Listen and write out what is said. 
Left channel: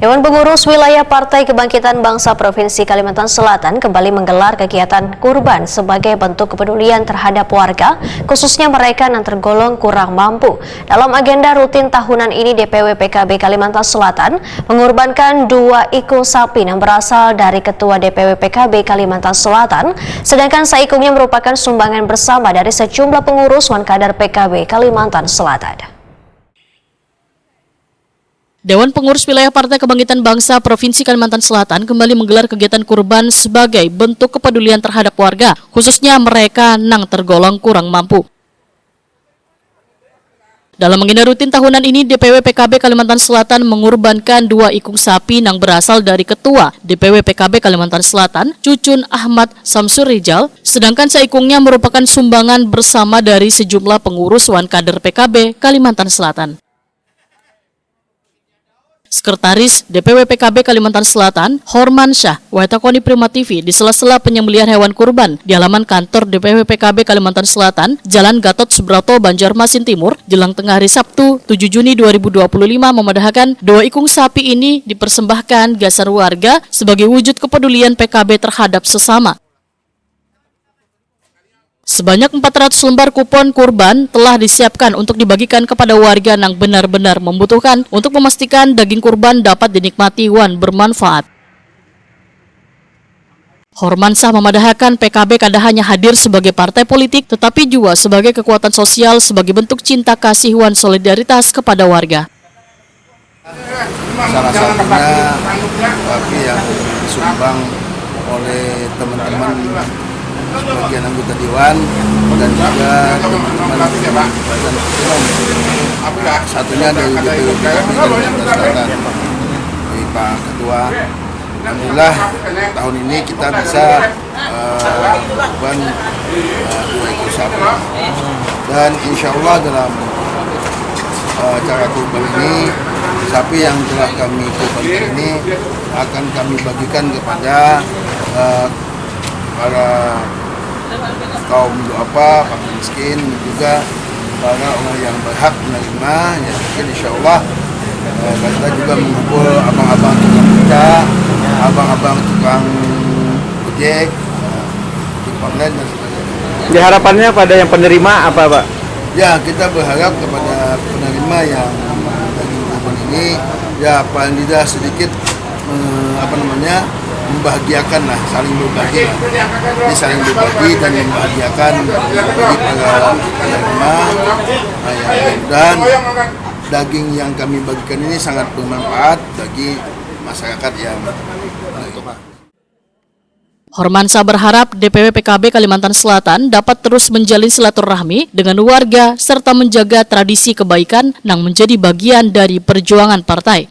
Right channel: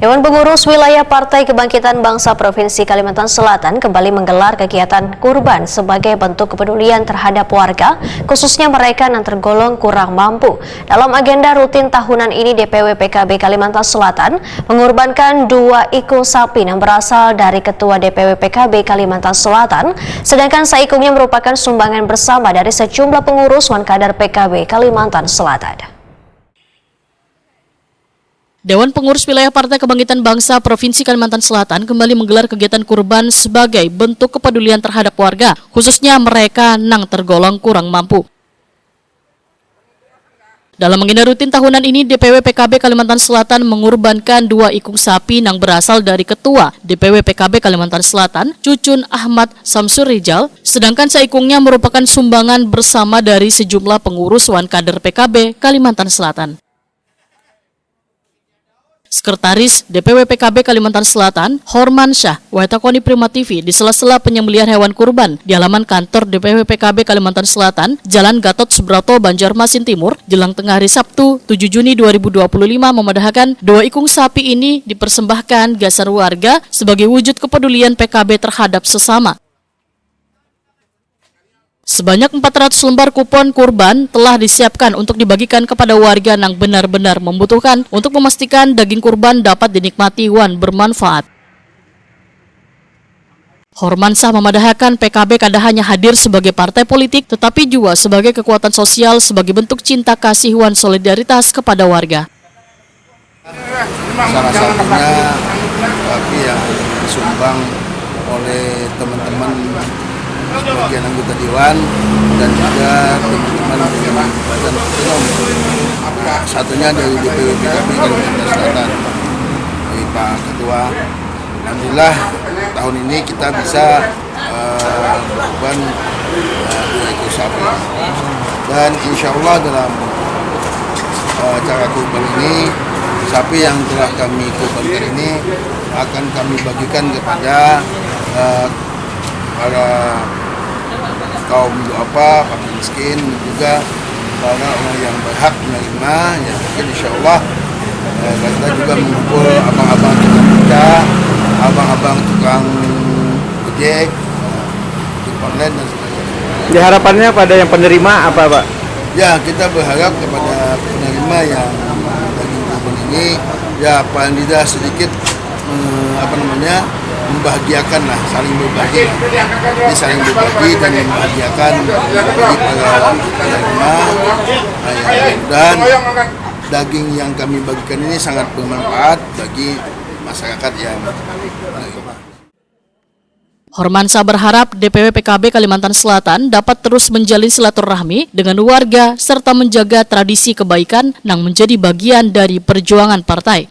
Dewan Pengurus Wilayah Partai Kebangkitan Bangsa Provinsi Kalimantan Selatan kembali menggelar kegiatan kurban sebagai bentuk kepedulian terhadap warga, khususnya mereka yang tergolong kurang mampu. Dalam agenda rutin tahunan ini, DPW PKB Kalimantan Selatan mengorbankan 2 ekor sapi yang berasal dari Ketua DPW PKB Kalimantan Selatan, sedangkan saikungnya merupakan sumbangan bersama dari sejumlah pengurus wan kader PKB Kalimantan Selatan. Dewan Pengurus Wilayah Partai Kebangkitan Bangsa Provinsi Kalimantan Selatan kembali menggelar kegiatan kurban sebagai bentuk kepedulian terhadap warga, khususnya mereka yang tergolong kurang mampu. Dalam agenda rutin tahunan ini, DPW PKB Kalimantan Selatan mengorbankan 2 ikung sapi yang berasal dari Ketua DPW PKB Kalimantan Selatan, Cucun Ahmad Samsur Rijal, sedangkan saikungnya merupakan sumbangan bersama dari sejumlah pengurus wan kader PKB Kalimantan Selatan. Sekretaris DPW PKB Kalimantan Selatan, Horman Syah, Watakoni Prima TV di sela-sela penyembelihan hewan kurban di halaman kantor DPW PKB Kalimantan Selatan, Jalan Gatot Subroto, Banjarmasin Timur, jelang tengah hari Sabtu 7 Juni 2025 memedahkan 2 ikung sapi ini dipersembahkan gasar warga sebagai wujud kepedulian PKB terhadap sesama. Sebanyak 400 lembar kupon kurban telah disiapkan untuk dibagikan kepada warga yang benar-benar membutuhkan untuk memastikan daging kurban dapat dinikmati wan bermanfaat. Hormansyah memadahkan PKB kada hanya hadir sebagai partai politik, tetapi juga sebagai kekuatan sosial sebagai bentuk cinta kasih wan solidaritas kepada warga. Salah satunya sapi yang disumbang oleh teman-teman sebagian anggota Dewan dan juga teman-teman badan umum. Satunya dari DPW PKB Kalimantan Selatan, dari Pak Ketua. Alhamdulillah tahun ini kita bisa kurban 2 ekor sapi, dan insya Allah dalam cara kurban ini, sapi yang telah kami kurbankan ini akan kami bagikan kepada para kaum duafa, fakir miskin, juga para orang yang berhak menerima. Ya, mungkin insya Allah kita juga mengumpul abang-abang tukang beca, abang-abang tukang ojek, tukang online dan sebagainya. Harapannya pada yang penerima apa, Pak? Ya, kita berharap kepada penerima yang daging kurban ini, ya paling tidak sedikit membahagiakan lah, saling berbagi. Ini saling berbagi dan membahagiakan bagi para penerima. Dan daging yang kami bagikan ini sangat bermanfaat bagi masyarakat yang menerima. Hormansyah berharap DPW PKB Kalimantan Selatan dapat terus menjalin silaturahmi dengan warga serta menjaga tradisi kebaikan yang menjadi bagian dari perjuangan partai.